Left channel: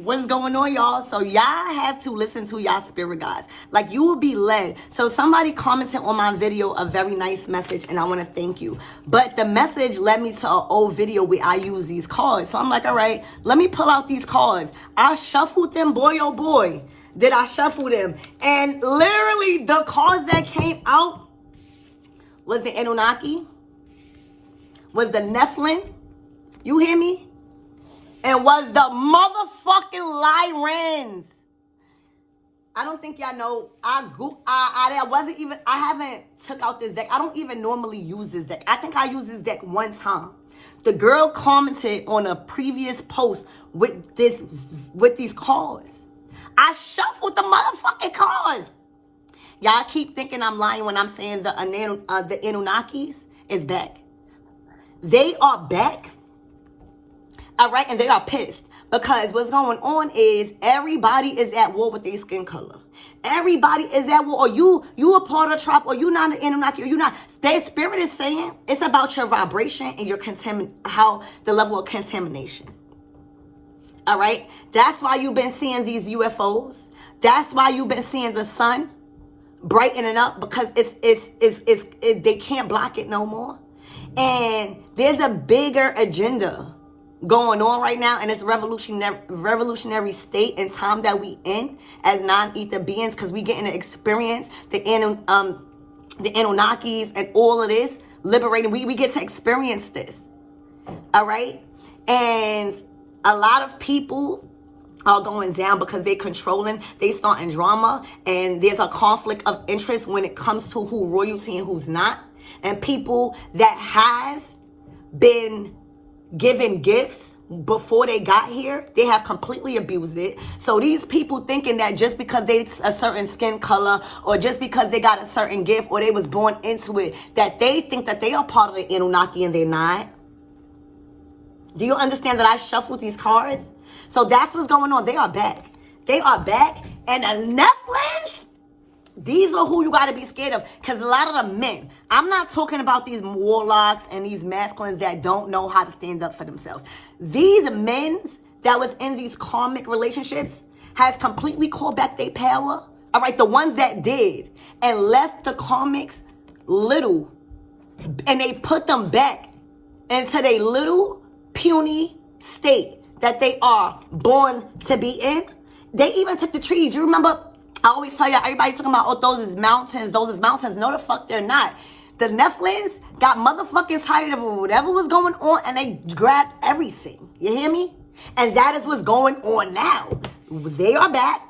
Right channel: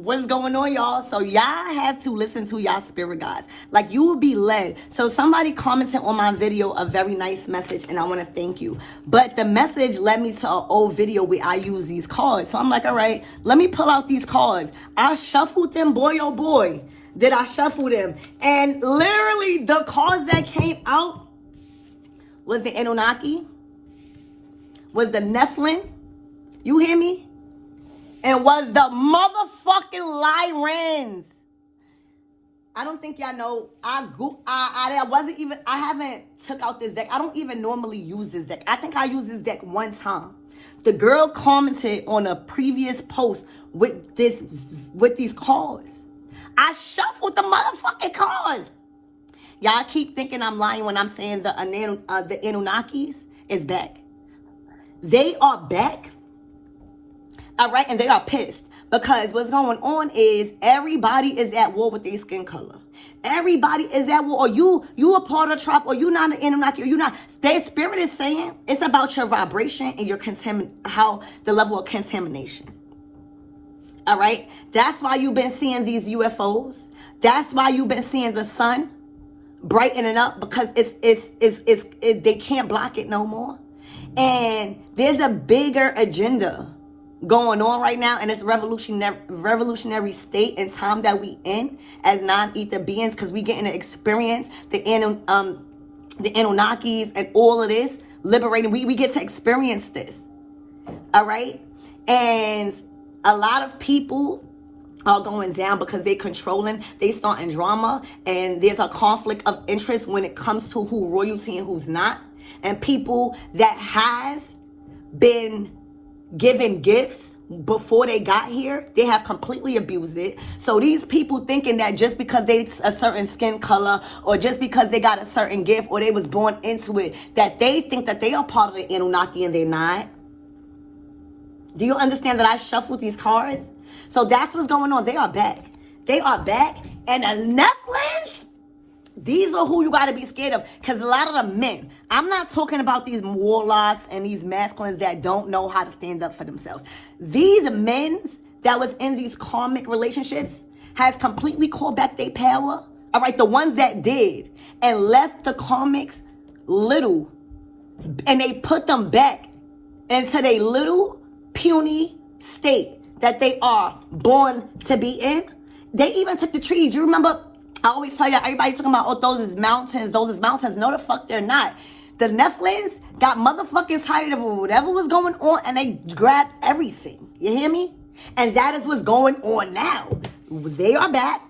What's going on, y'all? So y'all have to listen to y'all spirit guides. Like, you will be led. So somebody commented on my video a very nice message, and I want to thank you. But the message led me to an old video where I use these cards. So I'm like, all right, let me pull out these cards. I shuffled them, boy, oh boy. Did I shuffle them? And literally the cards that came out was the Anunnaki, was the NEPHILIM. You hear me? And was the motherfucking LYRONS. I don't think y'all know. I haven't took out this deck. I don't even normally use this deck. I think I used this deck one time. The girl commented on a previous post with these cards. I shuffled the motherfucking cards. Y'all keep thinking I'm lying when I'm saying the Anunnakis is back. They are back. All right, and they are pissed because what's going on is everybody is at war with their skin color. Everybody is at war. Or you a part of the tribe, or you not an Anunnaki, or you not. Their spirit is saying it's about your vibration and your how the level of contamination. All right, that's why you've been seeing these UFOs. That's why you've been seeing the sun brightening up, because they can't block it no more. And there's a bigger agenda going on right now, and it's revolutionary state and time that we in as non-ether beings, because we getting to experience the Anunnakis and all of this liberating. We get to experience this. All right, and a lot of people are going down because they're controlling, they starting drama, and there's a conflict of interest when it comes to who royalty and who's not. And people that has been given gifts before they got here, they have completely abused it. So these people thinking that just because they a certain skin color, or just because they got a certain gift, or they was born into it, that they think that they are part of the Anunnaki, and they're not. Do you understand that I shuffled these cards? So that's what's going on. They are back. They are back. And the Netflix, these are who you got to be scared of. Because a lot of the men, I'm not talking about these warlocks and these masculines that don't know how to stand up for themselves. These men that was in these karmic relationships has completely called back their power. All right, the ones that did and left the karmics little, and they put them back into their little puny state that they are born to be in. They even took the trees. You remember, I always tell you, everybody talking about, oh, those is mountains. No, the fuck they're not. The Nephilim got motherfucking tired of whatever was going on, and they grabbed everything. You hear me? And that is what's going on now. They are back.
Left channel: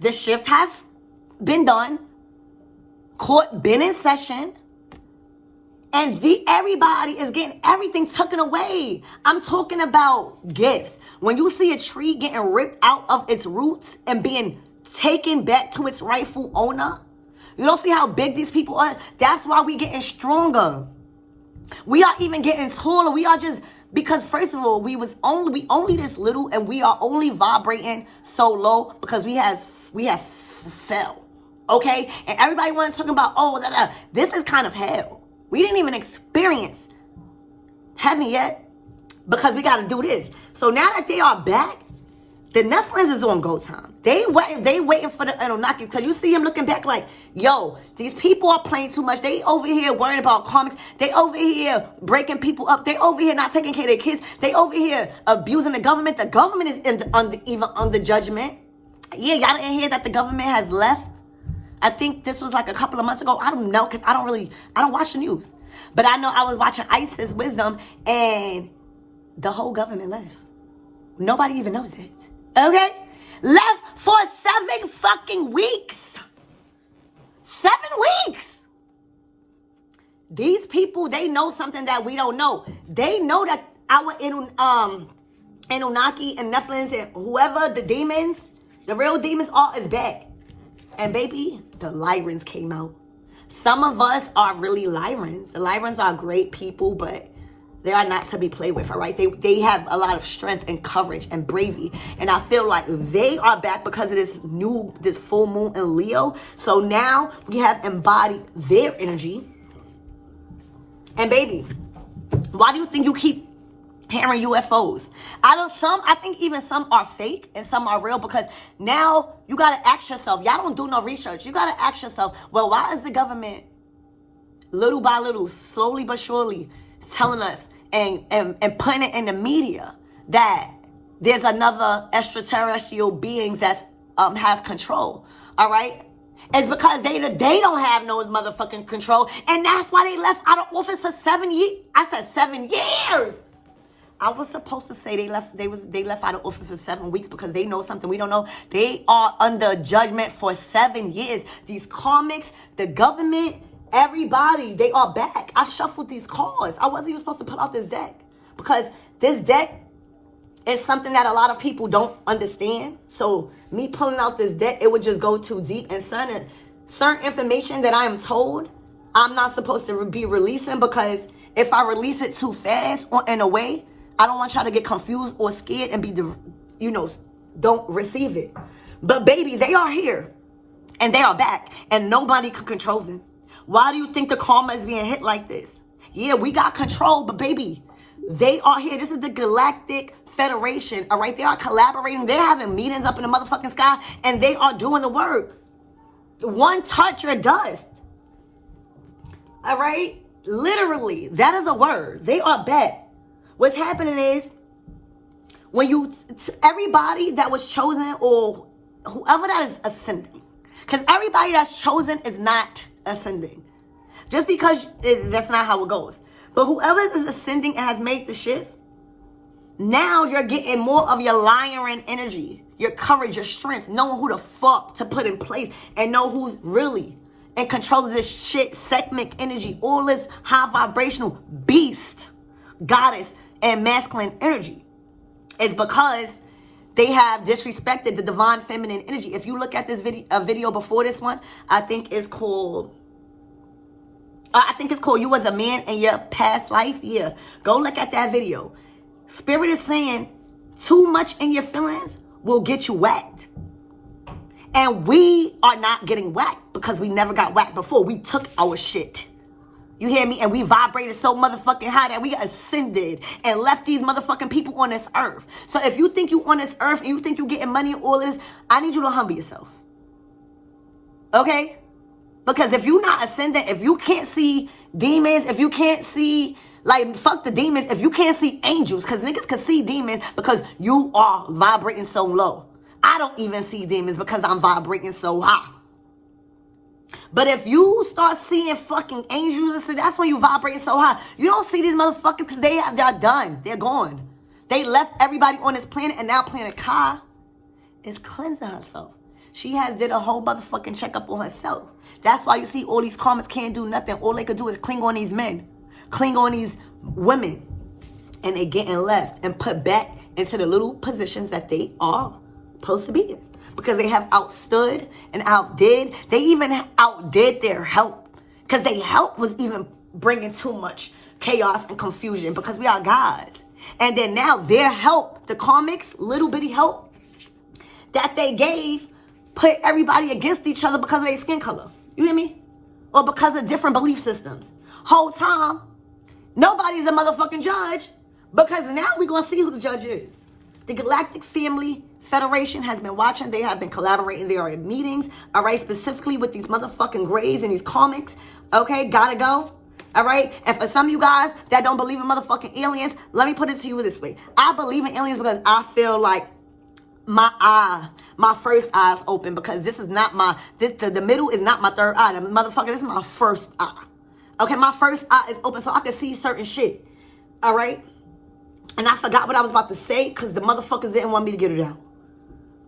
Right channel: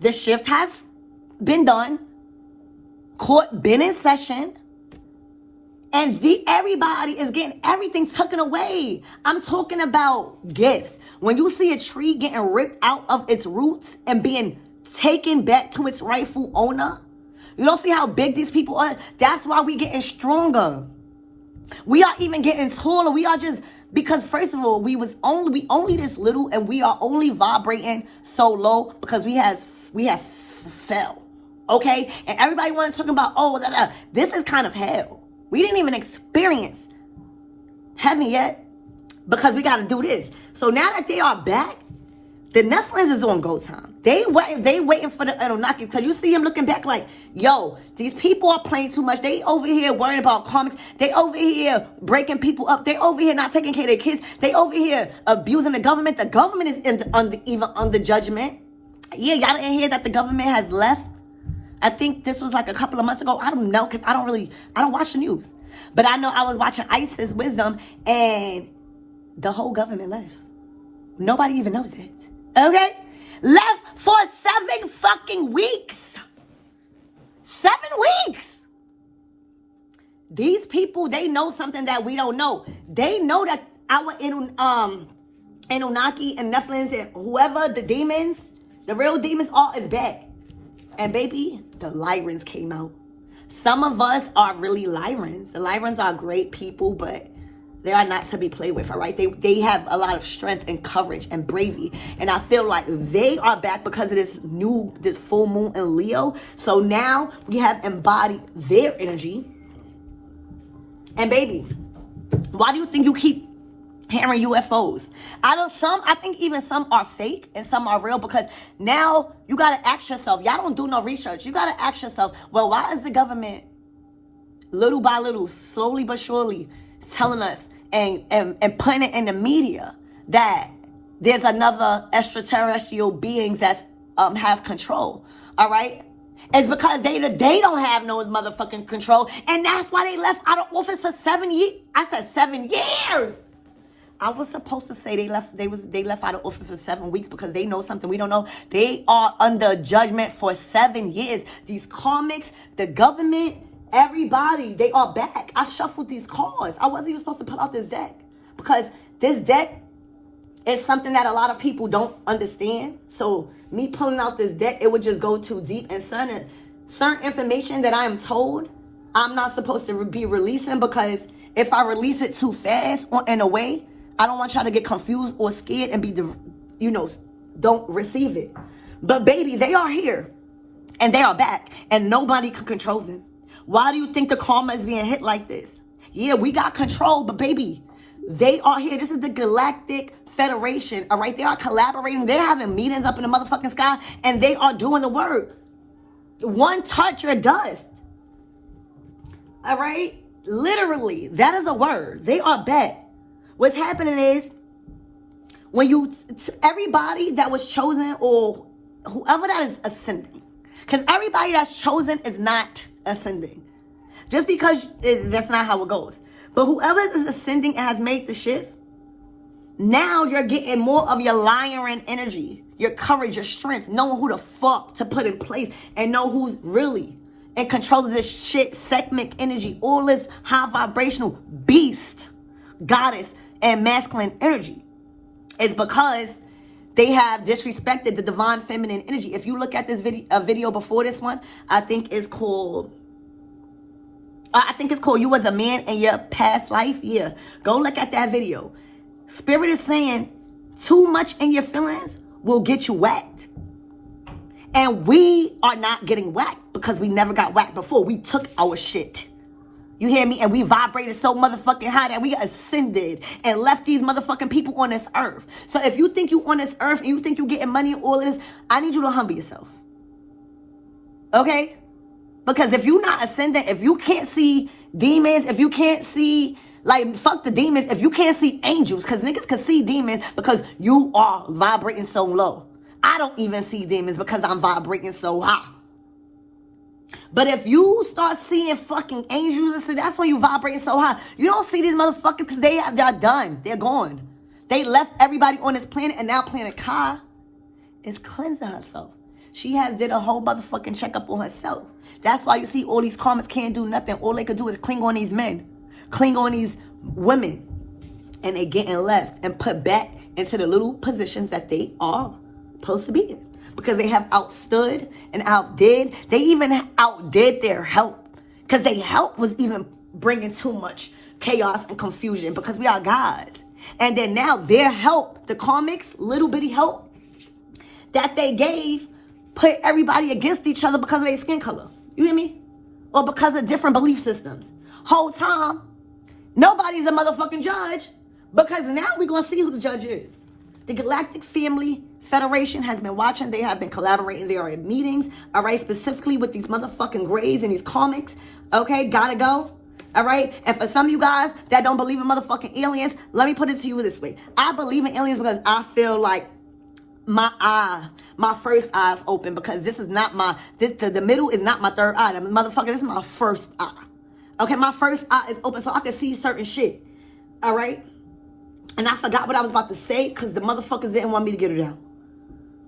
The shift has been done. Court been in session. And everybody is getting everything taken away. I'm talking about gifts. When you see a tree getting ripped out of its roots and being taken back to its rightful owner, you don't see how big these people are? That's why we getting stronger. We are even getting taller. We are just, because first of all, we only this little, and we are only vibrating so low because we have fell. Okay? And everybody wants to talk about, this is kind of hell. We didn't even experience heaven yet because we got to do this. So now that they are back, the Netflix is on go time. They waiting for the Anunnaki, because you see them looking back like, yo, these people are playing too much. They over here worrying about comics. They over here breaking people up. They over here not taking care of their kids. They over here abusing the government. The government is under judgment. Yeah, y'all didn't hear that the government has left? I think this was like a couple of months ago. I don't know, because I don't watch the news. But I know I was watching Isis Wisdom, and the whole government left. Nobody even knows it. Okay? Left for 7 fucking weeks. 7 weeks. These people, they know something that we don't know. They know that our Anunnaki and Nephilim and whoever the demons, the real demons are, is back. And baby, the LYRONS came out. Some of us are really LYRONS. The LYRONS are great people, but they are not to be played with, all right? They have a lot of strength and courage and bravery. And I feel like they are back because of this full moon in Leo. So now we have embodied their energy. And baby, why do you think you keep hearing UFOs. I think even some are fake and some are real, because now you gotta ask yourself, y'all don't do no research. You gotta ask yourself, well, why is the government little by little, slowly but surely telling us and putting it in the media that there's another extraterrestrial beings that have control? All right? It's because they don't have no motherfucking control, and that's why they left out of office for 7 years. I said 7 years. I was supposed to say they left out of office for 7 weeks, because they know something we don't know. They are under judgment for 7 years. These karmics, the government, everybody, they are back. I shuffled these cards. I wasn't even supposed to pull out this deck, because this deck is something that a lot of people don't understand. So me pulling out this deck, it would just go too deep, and certain information that I am told I'm not supposed to be releasing, because if I release it too fast or in a way, I don't want y'all to get confused or scared and don't receive it. But baby, they are here and they are back, and nobody can control them. Why do you think the karma is being hit like this? Yeah, we got control, but baby, they are here. This is the Galactic Federation, all right? They are collaborating. They're having meetings up in the motherfucking sky, and they are doing the work. One touch, you're dust. All right? Literally, that is a word. They are back. What's happening is, everybody that was chosen, or whoever that is ascending, because everybody that's chosen is not ascending. Just because that's not how it goes. But whoever is ascending and has made the shift, now you're getting more of your lion energy, your courage, your strength, knowing who the fuck to put in place, and know who's really in control of this shit, segment energy, all this high vibrational beast, goddess, and masculine energy. It's because they have disrespected the divine feminine energy. If you look at this video before this one, I think it's called You Was a Man in Your Past Life. Yeah, go look at that video. Spirit is saying too much in your feelings will get you whacked. And we are not getting whacked because we never got whacked before. We took our shit. You hear me? And we vibrated so motherfucking high that we ascended and left these motherfucking people on this earth. So if you think you on this earth and you think you getting money and all this, I need you to humble yourself. Okay? Because if you not ascendant, if you can't see demons, if you can't see, fuck the demons, if you can't see angels, because niggas can see demons because you are vibrating so low. I don't even see demons because I'm vibrating so high. But if you start seeing fucking angels and shit, that's when you vibrate so high. You don't see these motherfuckers because they're done. They're gone. They left everybody on this planet, and now Planet Ka is cleansing herself. She has did a whole motherfucking checkup on herself. That's why you see all these karmas can't do nothing. All they could do is cling on these men, cling on these women, and they getting left and put back into the little positions that they are supposed to be in. Because they have outstood and outdid. They even outdid their help. Because their help was even bringing too much chaos and confusion. Because we are gods. And then now their help, the karmics, little bitty help that they gave, put everybody against each other because of their skin color. You hear me? Or because of different belief systems. Whole time, nobody's a motherfucking judge. Because now we're going to see who the judge is. The Galactic Family Federation has been watching. They have been collaborating. They are in meetings, all right, specifically with these motherfucking grays and these comics. Okay, gotta go. All right, and for some of you guys that don't believe in motherfucking aliens, let me put it to you this way. I believe in aliens because I feel like my first eye is open, because this is not the middle is not my third eye. Motherfucker, this is my first eye. Okay, my first eye is open so I can see certain shit. All right, and I forgot what I was about to say because the motherfuckers didn't want me to get it out.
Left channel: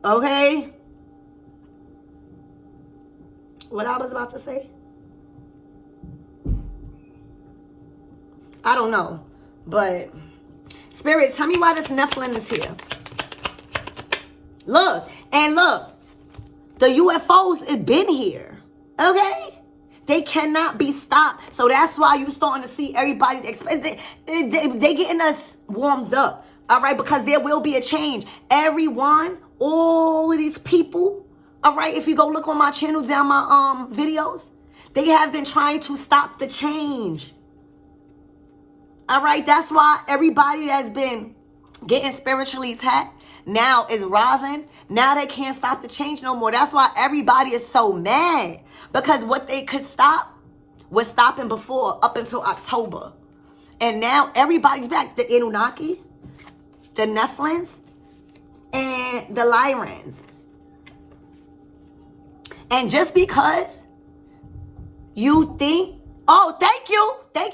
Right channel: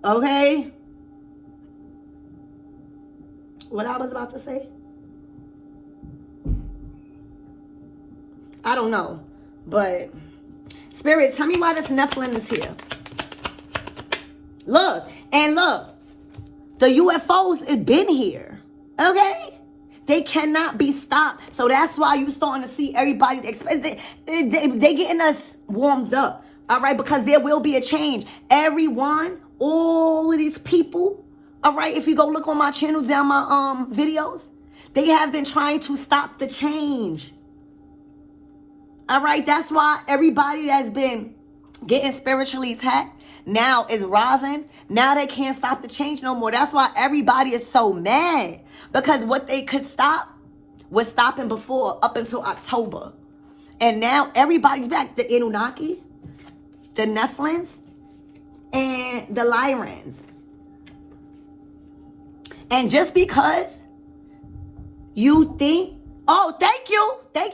Okay? What I was about to say? I don't know. But, Spirit, tell me why this Nephilim is here. Look. And look. The UFOs have been here. Okay? They cannot be stopped. So that's why you're starting to see everybody. They getting us warmed up. All right? Because there will be a change. Everyone, all of these people, all right, if you go look on my channel, down my videos, they have been trying to stop the change. All right, that's why everybody that's been getting spiritually attacked now is rising. Now they can't stop the change no more. That's why everybody is so mad. Because what they could stop was stopping before, up until October. And now everybody's back. The Anunnaki, the Nephilims, and the Lyrons. And just because you think, oh, thank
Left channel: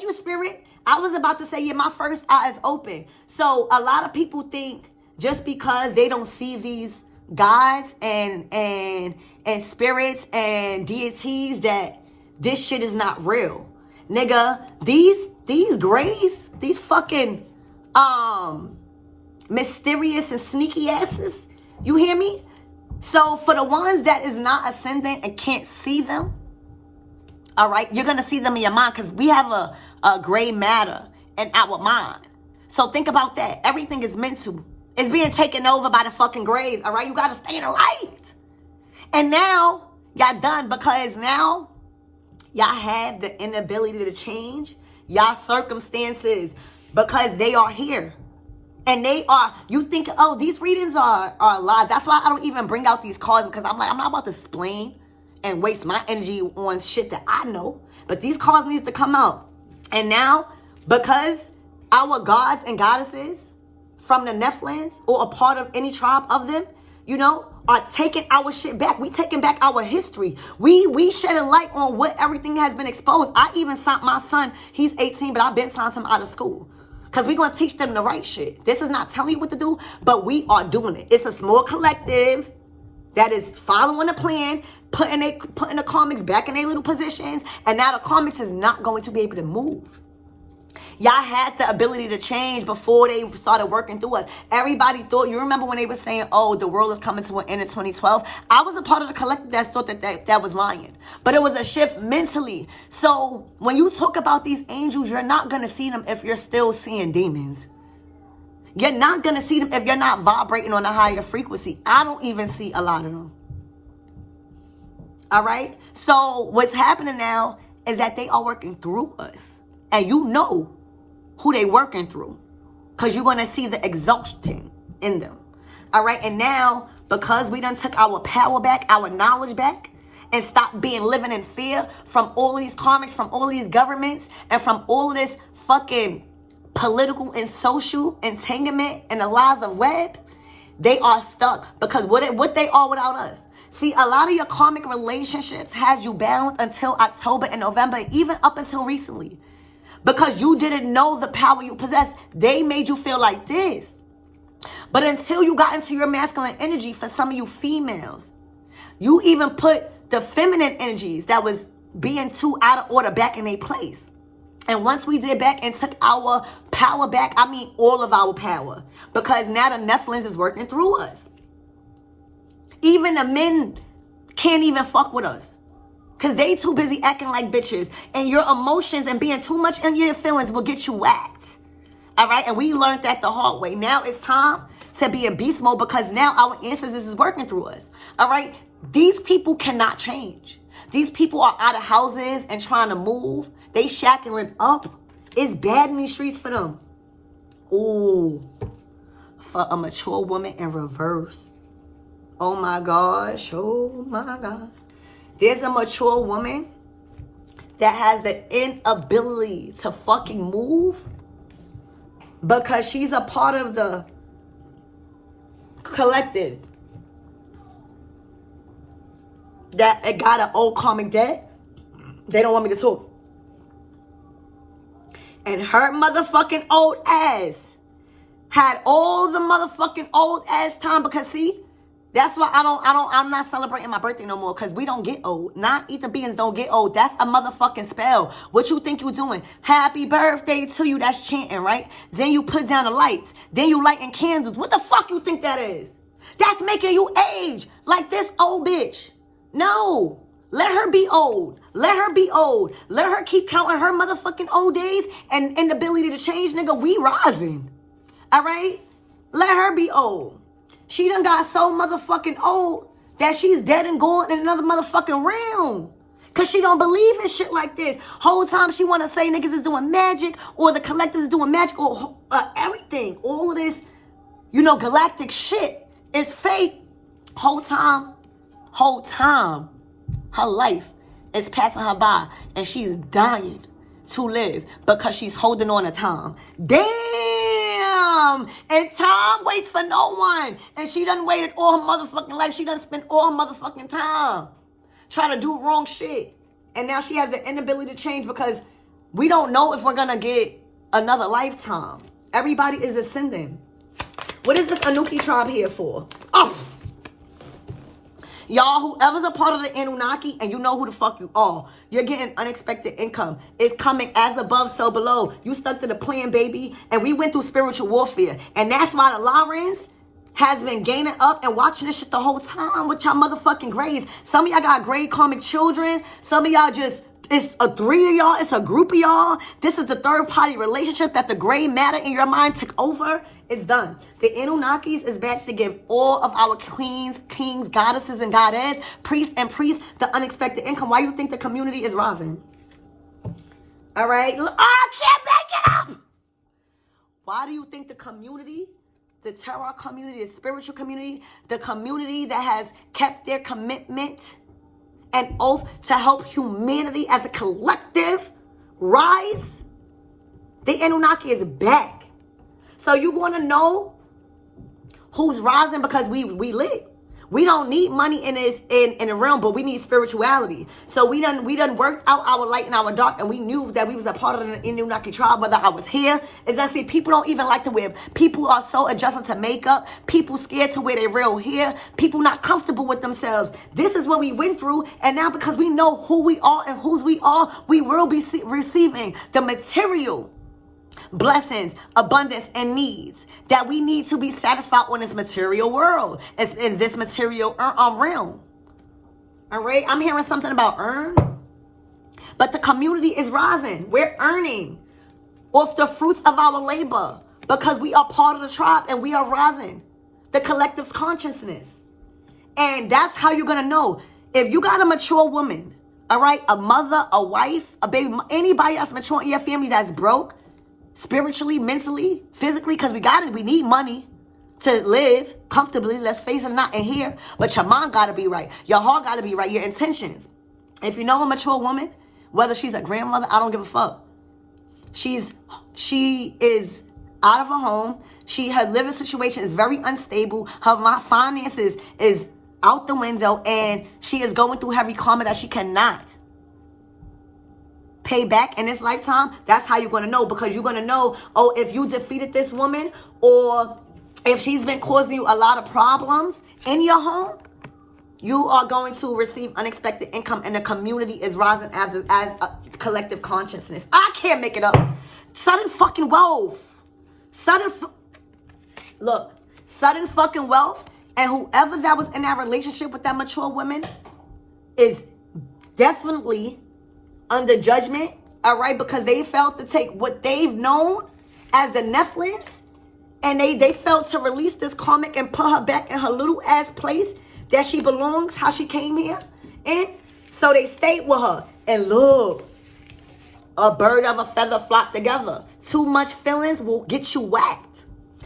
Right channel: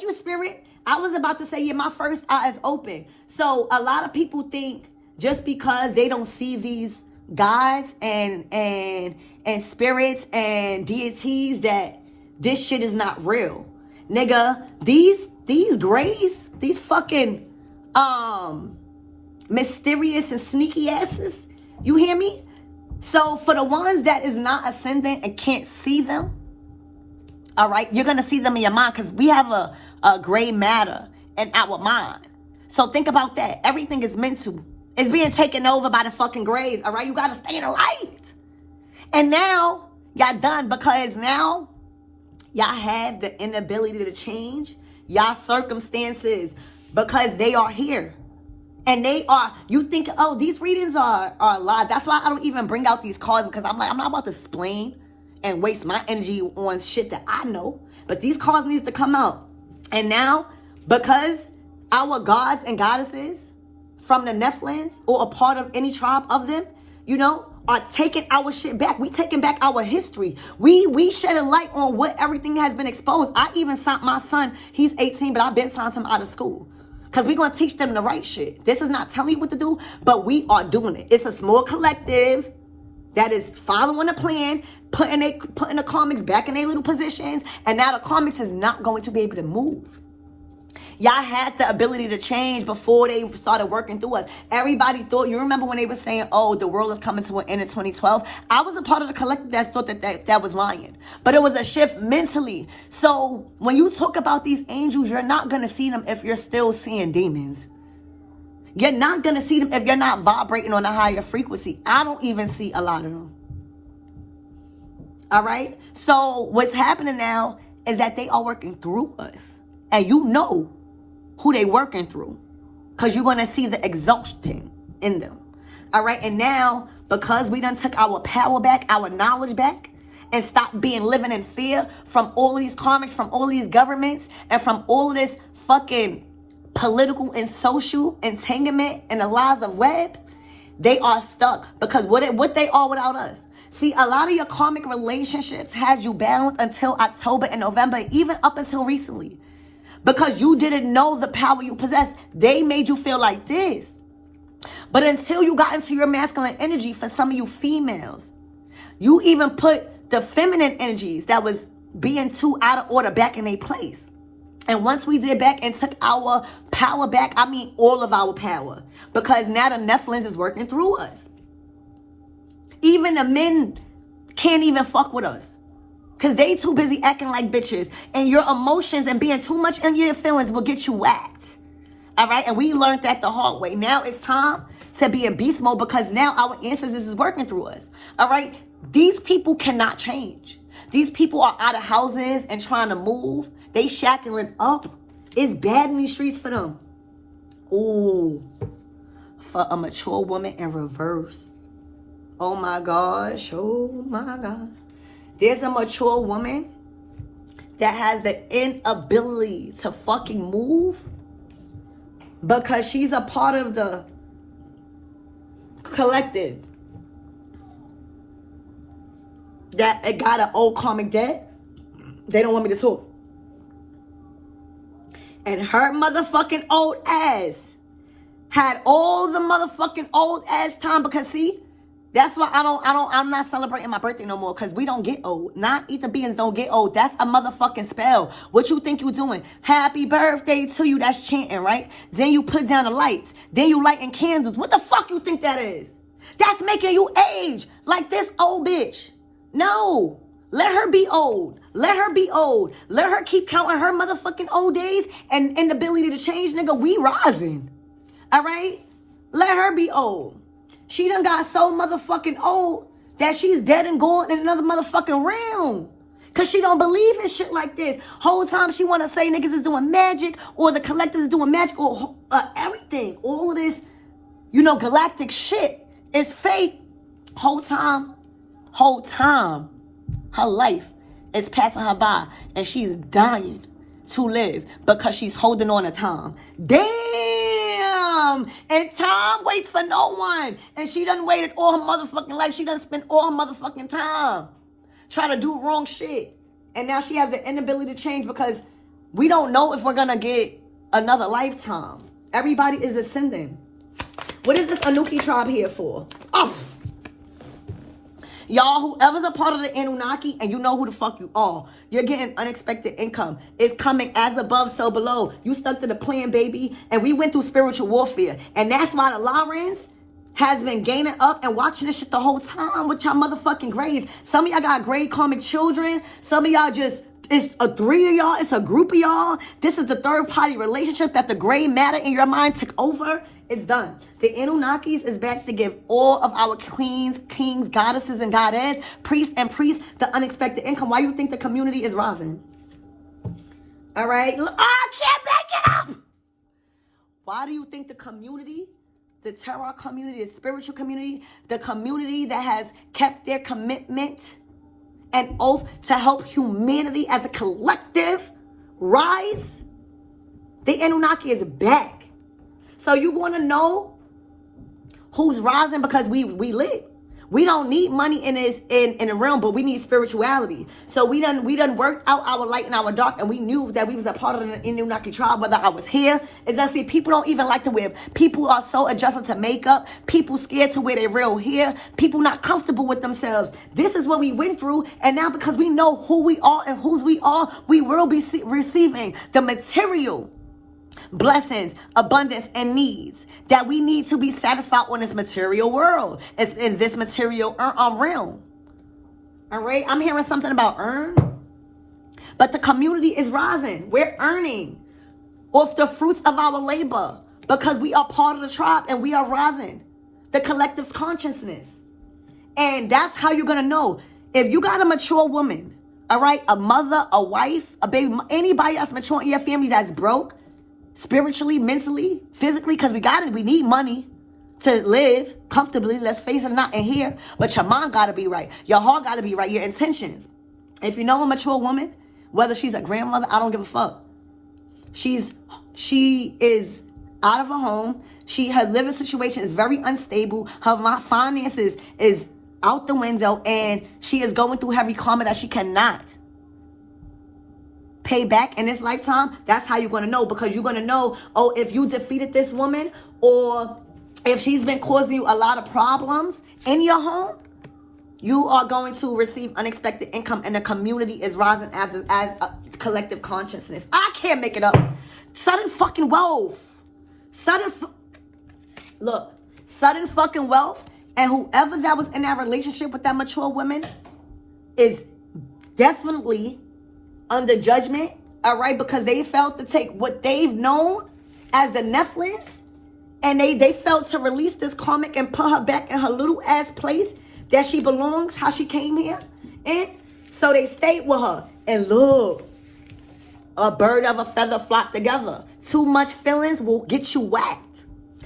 you, Spirit. I was about to say, yeah, my first eye is open. So a lot of people think just because they don't see these gods and spirits and deities that this shit is not real. Nigga, these grays, these fucking mysterious and sneaky asses, you hear me? So for the ones that is not ascendant and can't see them, all right, you're going to see them in your mind because we have a gray matter in our mind. So think about that. Everything is mental. It's being taken over by the fucking grays, all right? You got to stay in the light. And now, y'all done because now y'all have the inability to change y'all circumstances because they are here. And they are, you think, oh, these readings are lies. That's why I don't even bring out these cards because I'm like, I'm not about to explain and waste my energy on shit that I know. But these cards need to come out. And now, because our gods and goddesses from the Nephilims or a part of any tribe of them, you know, are taking our shit back. We taking back our history. We shedding light on what everything has been exposed. I even signed my son, he's 18, but I've been signed him out of school. Because we're going to teach them the right shit. This is not telling you what to do, but we are doing it. It's a small collective that is following the plan, putting the comics back in their little positions, and now the comics is not going to be able to move. Y'all had the ability to change before they started working through us. Everybody thought, you remember when they were saying, oh, the world is coming to an end in 2012? I was a part of the collective that thought that was lying. But it was a shift mentally. So when you talk about these angels, you're not going to see them if you're still seeing demons. You're not going to see them if you're not vibrating on a higher frequency. I don't even see a lot of them. All right? So what's happening now is that they are working through us. And you know who they working through. Because you're going to see the exhaustion in them. All right? And now, because we done took our power back, our knowledge back, and stopped living in fear from all these karmics, from all these governments, and from all of this fucking political and social entanglement and the lies of webs, they are stuck. Because what they are without us. See, a lot of your karmic relationships had you bound until October and November, even up until recently. Because you didn't know the power you possess. They made you feel like this. But until you got into your masculine energy, for some of you females, you even put the feminine energies that was being too out of order back in their place. And once we did back and took our power back, I mean all of our power. Because now the Nephilims is working through us. Even the men can't even fuck with us. Because they too busy acting like bitches. And your emotions and being too much in your feelings will get you whacked. All right? And we learned that the hard way. Now it's time to be in beast mode because now our ancestors is working through us. All right? These people cannot change. These people are out of houses and trying to move. They shackling up. It's bad in these streets for them. Ooh. For a mature woman in reverse. Oh my gosh. Oh my God. There's a mature woman that has the inability to fucking move because she's a part of the collective that it got an old karmic debt. They don't want me to talk. And her motherfucking old ass had all the motherfucking old ass time because see, that's why I'm not celebrating my birthday no more because we don't get old. Non-ether beings don't get old. That's a motherfucking spell. What you think you doing? Happy birthday to you. That's chanting, right? Then you put down the lights. Then you lighting candles. What the fuck you think that is? That's making you age like this old bitch. No. Let her be old. Let her be old. Let her keep counting her motherfucking old days and inability to change, nigga. We rising. All right? Let her be old. She done got so motherfucking old that she's dead and gone in another motherfucking realm. Because she don't believe in shit like this. Whole time she want to say niggas is doing magic, or the collective is doing magic, or everything. All of this, galactic shit is fake. Whole time, her life is passing her by, and she's dying to live because she's holding on to time. Damn! And time waits for no one. And she done waited all her motherfucking life. She done spent all her motherfucking time trying to do wrong shit. And now she has the inability to change because we don't know if we're gonna get another lifetime. Everybody is ascending. What is this Anunnaki tribe here for? Oh! Y'all, whoever's a part of the Anunnaki, and you know who the fuck you are, you're getting unexpected income. It's coming as above, so below. You stuck to the plan, baby. And we went through spiritual warfare. And that's why the LYRONS has been gaining up and watching this shit the whole time with y'all motherfucking grades. Some of y'all got grade karmic children. Some of y'all it's a 3 of y'all. It's a group of y'all. This is the third party relationship that the gray matter in your mind took over. It's done. The Anunnakis is back to give all of our queens, kings, goddesses, and goddess, priests, the unexpected income. Why you think the community is rising? All right? Oh, I can't back it up. Why do you think the community, the terror community, the spiritual community, the community that has kept their commitment and oath to help humanity as a collective rise? The Anunnaki is back. So you want to know who's rising because we lit. We don't need money in the realm, but we need spirituality. So we done worked out our light and our dark, and we knew that we was a part of the Anunnaki tribe, whether I was here. As I see, people don't even like to wear. People are so adjusted to makeup. People scared to wear their real hair. People not comfortable with themselves. This is what we went through, and now because we know who we are and whose we are, we will be receiving the material blessings, abundance, and needs that we need to be satisfied on this material world. It's in this material realm. All right, I'm hearing something about earn, but the community is rising. We're earning off the fruits of our labor because we are part of the tribe and we are rising. The collective's consciousness. And that's how you're going to know. If you got a mature woman, all right, a mother, a wife, a baby, anybody that's mature in your family that's broke, spiritually, mentally, physically, because we need money to live comfortably. Let's face it, not in here. But your mind got to be right. Your heart got to be right. Your intentions. If you know a mature woman, whether she's a grandmother, I don't give a fuck. She is out of her home. Her living situation is very unstable. Her finances is out the window, and she is going through heavy karma that she cannot pay back in this lifetime. That's how you're going to know, because you're going to know, if you defeated this woman, or if she's been causing you a lot of problems in your home, you are going to receive unexpected income, and the community is rising as a collective consciousness. I can't make it up. Sudden fucking wealth. Sudden fucking wealth, and whoever that was in that relationship with that mature woman is definitely under judgment, all right, because they felt to take what they've known as the NEPHILIM, and they felt to release this karmic and put her back in her little ass place that she belongs, how she came here. And so they stayed with her. And look, a bird of a feather flock together. Too much feelings will get you whacked,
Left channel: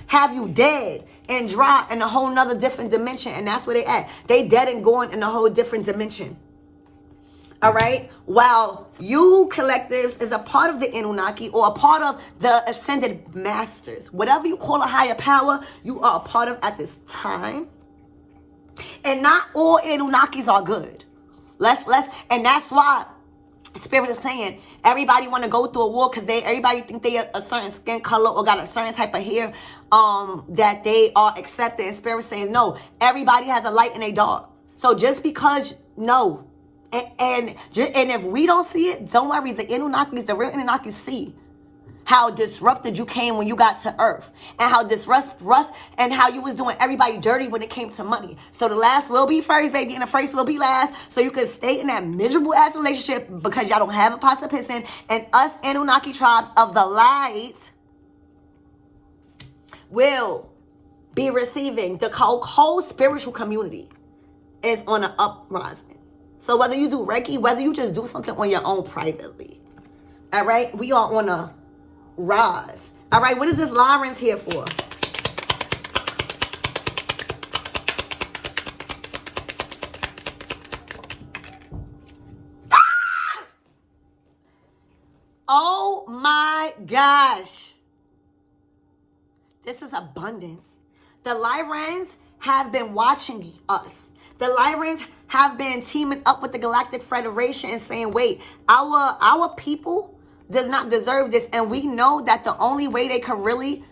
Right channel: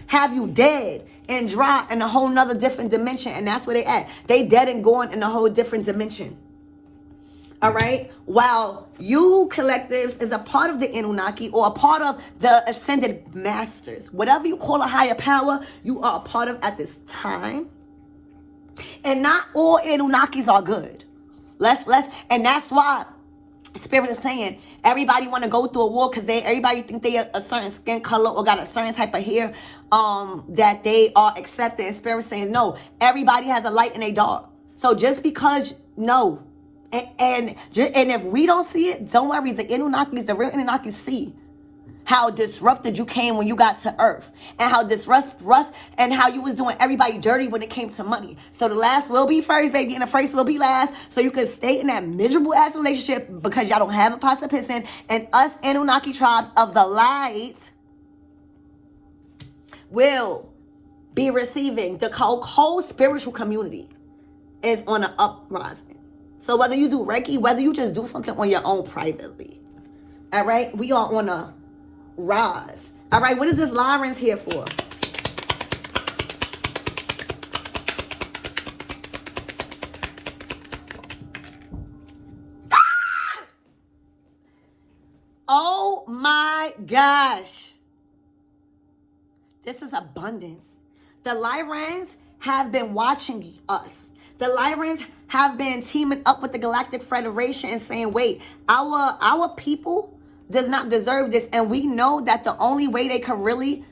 have you dead and dry in a whole nother different dimension. And that's where they at. They dead and going in a whole different dimension. All right. While you collectives is a part of the Anunnaki, or a part of the ascended masters, whatever you call a higher power, you are a part of at this time. And not all Anunnakis are good. And that's why Spirit is saying everybody want to go through a war because everybody think they are a certain skin color or got a certain type of hair that they are accepted. And Spirit says no, everybody has a light and a dark. So just because no. And if we don't see it, don't worry. The Anunnakis, the real Anunnakis see how disrupted you came when you got to Earth, and how and how you was doing everybody dirty when it came to money. So the last will be first, baby, and the first will be last. So you can stay in that miserable ass relationship because y'all don't have a pot to piss in. And us Anunnaki tribes of the light will be receiving. The whole spiritual community is on an uprising. So whether you do Reiki, whether you just do something on your own privately. All right? We are on a rise. All right? What is this LYRONS here for? Oh my gosh. This is abundance. The LYRONS have been watching us. The LYRONS have been teaming up with the Galactic Federation and saying, wait, our people does not deserve this. And we know that the only way they could really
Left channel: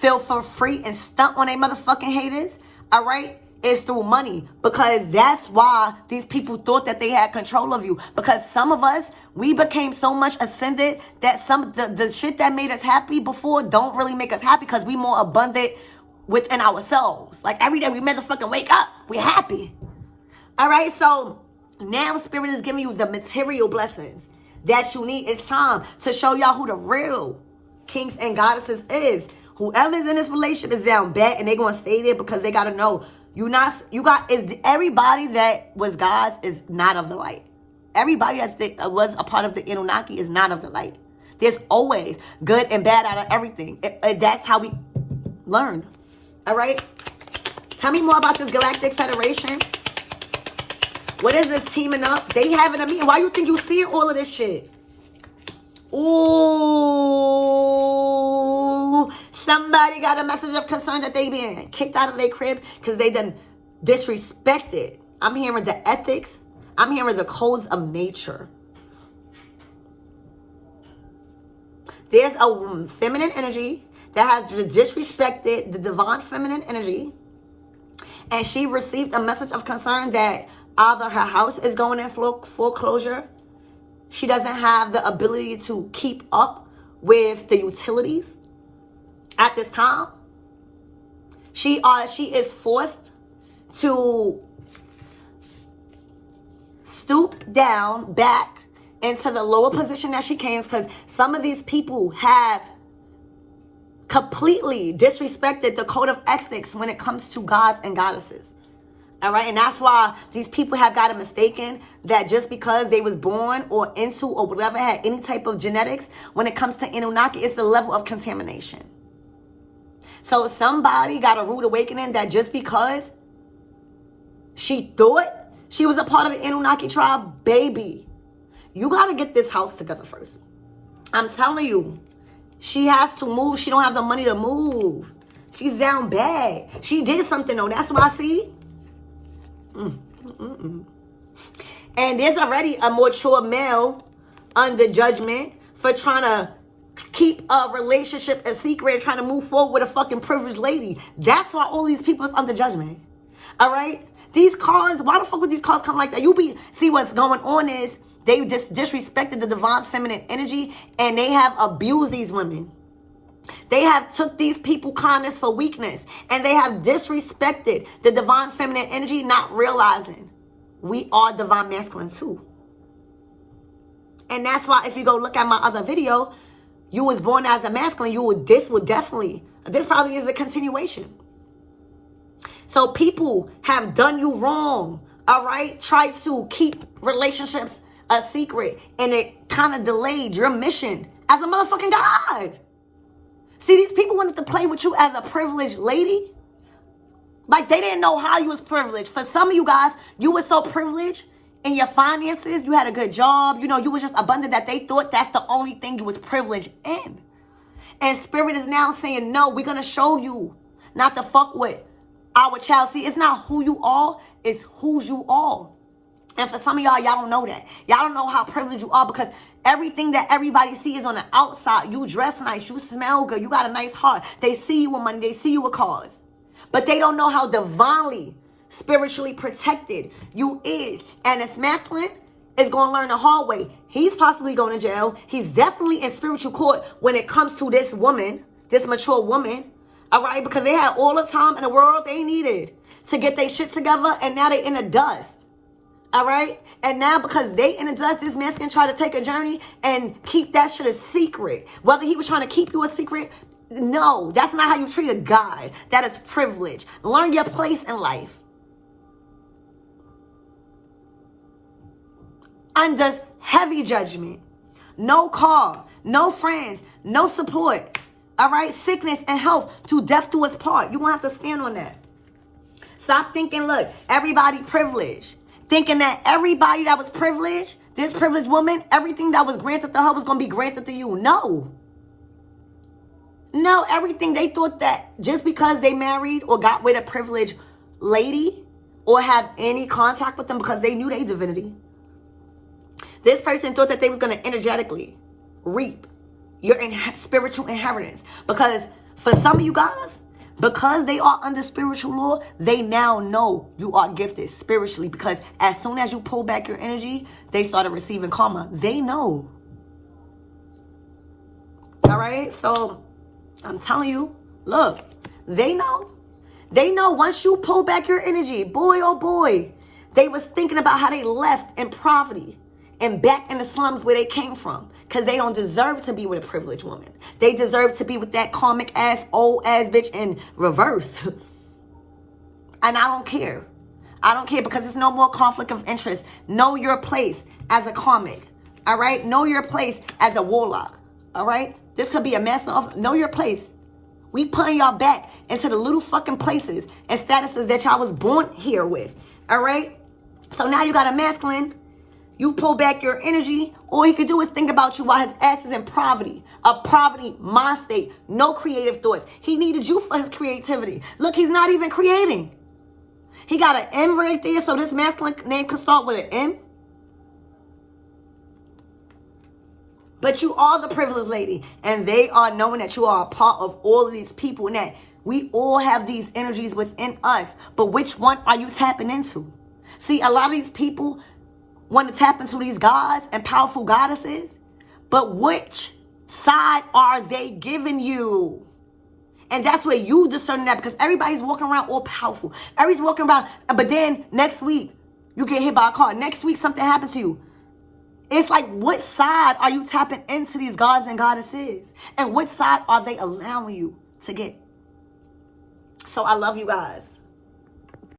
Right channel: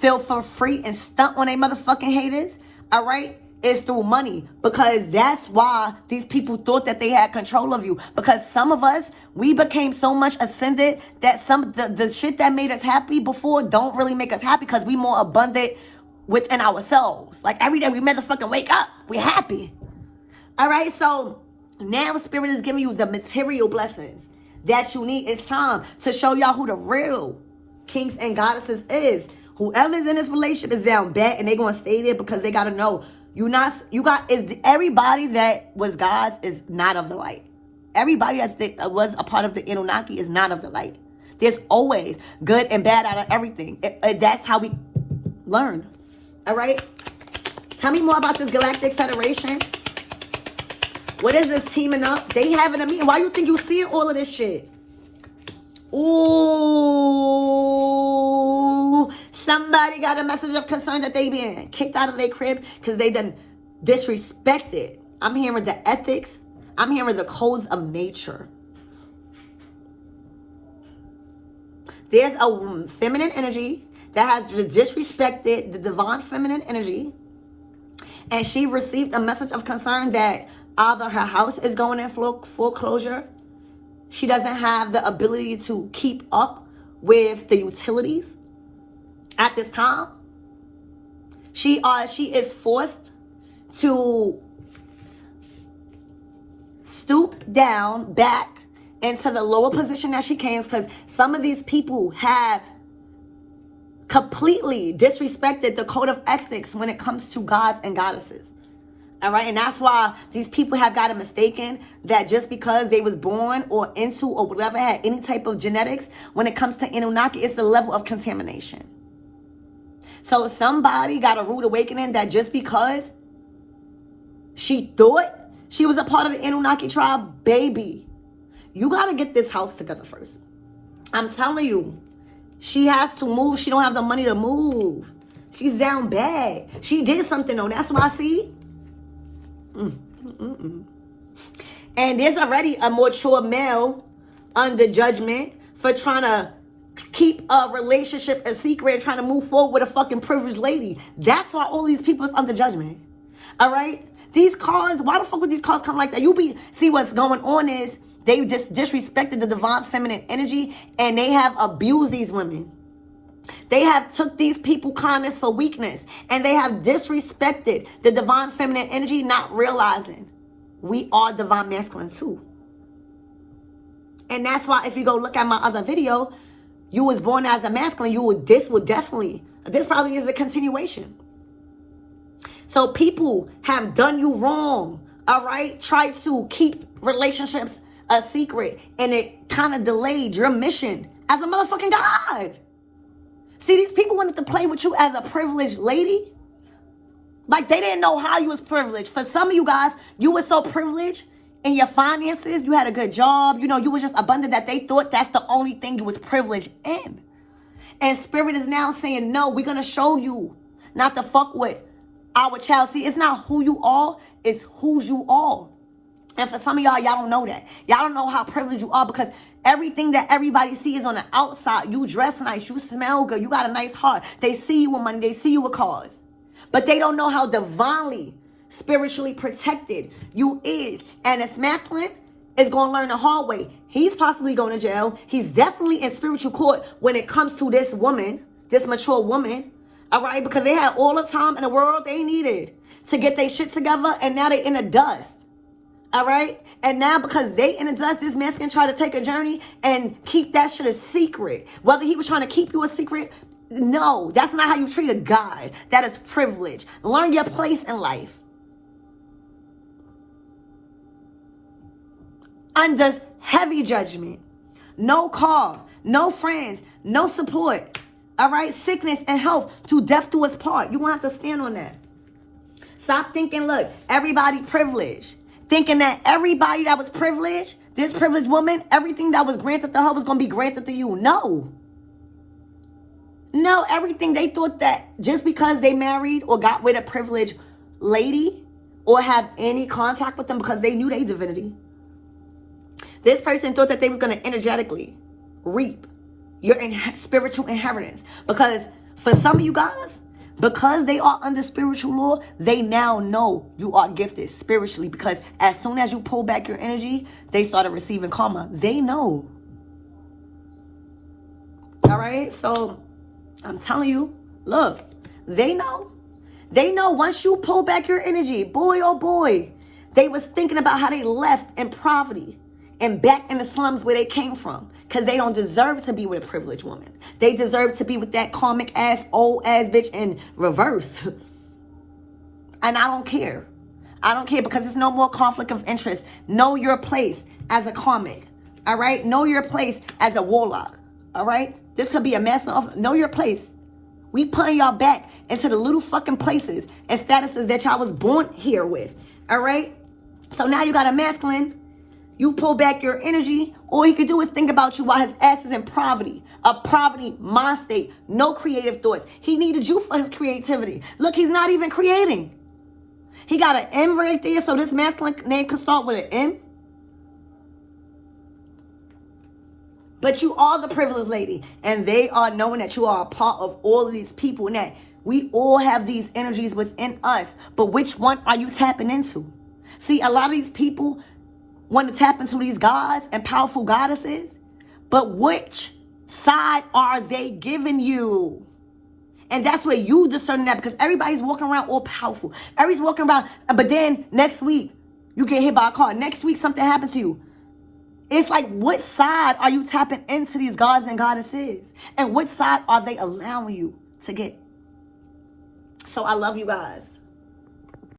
feel for free and stunt on their motherfucking haters, all right, is through money. Because that's why these people thought that they had control of you. Because some of us, we became so much ascended that some the shit that made us happy before don't really make us happy because we more abundant within ourselves. Like every day we motherfucking wake up, we're happy. All right, so now Spirit is giving you the material blessings that you need. It's time to show y'all who the real kings and goddesses is. Whoever's in this relationship is down bad and they're going to stay there because they got to know everybody that was God's is not of the light. Everybody that was a part of the Anunnaki is not of the light. There's always good and bad out of everything. That's how we learn. All right? Tell me more about this Galactic Federation. What is this teaming up? They having a meeting. Why you think you seeing all of this shit? Ooh. Somebody got a message of concern that they being kicked out of their crib because they done disrespected. I'm hearing the ethics. I'm hearing the codes of nature. There's a feminine energy that has disrespected the divine feminine energy. And she received a message of concern that either her house is going in foreclosure. She doesn't have the ability to keep up with the utilities at this time. She is forced to stoop down back into the lower position that she can because some of these people have completely disrespected the code of ethics when it comes to gods and goddesses. All right, and that's why these people have got it mistaken that just because they was born or into or whatever had any type of genetics, when it comes to Anunnaki, it's the level of contamination. So somebody got a rude awakening that just because she thought she was a part of the Anunnaki tribe, baby, you got to get this house together first. I'm telling you, she has to move. She don't have the money to move. She's down bad. She did something though. That's why I see. And there's already a mature male under judgment for trying to keep a relationship a secret and trying to move forward with a fucking privileged lady. That's why all these people is under judgment. All right? These cards, why the fuck would these cards come like that? See what's going on is they just disrespected the divine feminine energy and they have abused these women. They have took these people kindness for weakness and they have disrespected the divine feminine energy, not realizing we are divine masculine too. And that's why if you go look at my other video, you was born as a masculine, this probably is a continuation. So people have done you wrong, all right? Try to keep relationships a secret and it kind of delayed your mission as a motherfucking god. See, these people wanted to play with you as a privileged lady. Like, they didn't know how you was privileged. For some of you guys, you were so privileged in your finances. You had a good job. You know, you was just abundant that they thought that's the only thing you was privileged in. And Spirit is now saying, no, we're going to show you not to fuck with our child. See, it's not who you are. It's whose you are. And for some of y'all don't know that. Y'all don't know how privileged you are because everything that everybody sees on the outside, you dress nice, you smell good, you got a nice heart. They see you with money, they see you with cars. But they don't know how divinely, spiritually protected you is. And this masculine is going to learn the hard way. He's possibly going to jail. He's definitely in spiritual court when it comes to this woman, this mature woman. All right, because they had all the time in the world they needed to get their shit together, and now they're in the dust. All right? And now because they in the dust, this man can try to take a journey and keep that shit a secret. Whether he was trying to keep you a secret, no, that's not how you treat a guy. That is privilege. Learn your place in life. under heavy judgment. No call, no friends, no support. All right? Sickness and health, to death do us part. You're going to have to stand on that. Stop thinking, look, everybody privileged. Thinking that everybody that was privileged, this privileged woman, everything that was granted to her was going to be granted to you. No. No, everything. They thought that just because they married or got with a privileged lady or have any contact with them because they knew their divinity, this person thought that they was going to energetically reap your spiritual inheritance. Because for some of you guys, because they are under spiritual law, they now know you are gifted spiritually. Because as soon as you pull back your energy, they started receiving karma. They know. All right? So I'm telling you, look, they know. They know once you pull back your energy, boy, oh boy, they was thinking about how they left in poverty and back in the slums where they came from. Because they don't deserve to be with a privileged woman. They deserve to be with that karmic ass, old ass bitch in reverse. And I don't care. I don't care, because it's no more conflict of interest. Know your place as a karmic. All right? Know your place as a warlock. All right? This could be a master of... Know your place. We putting y'all back into the little fucking places and statuses that y'all was born here with. All right? So now you got a masculine. You pull back your energy. All he could do is think about you while his ass is in poverty. A poverty mind state. No creative thoughts. He needed you for his creativity. Look, he's not even creating. He got an M right there, so this masculine name could start with an M. But you are the privileged lady. And they are knowing that you are a part of all of these people. And that we all have these energies within us. But which one are you tapping into? See, a lot of these people want to tap into these gods and powerful goddesses. But which side are they giving you? And that's where you discern that. Because everybody's walking around all powerful. Everybody's walking around. But then next week, you get hit by a car. Next week, something happens to you. It's like, what side are you tapping into these gods and goddesses? And which side are they allowing you to get? So I love you guys.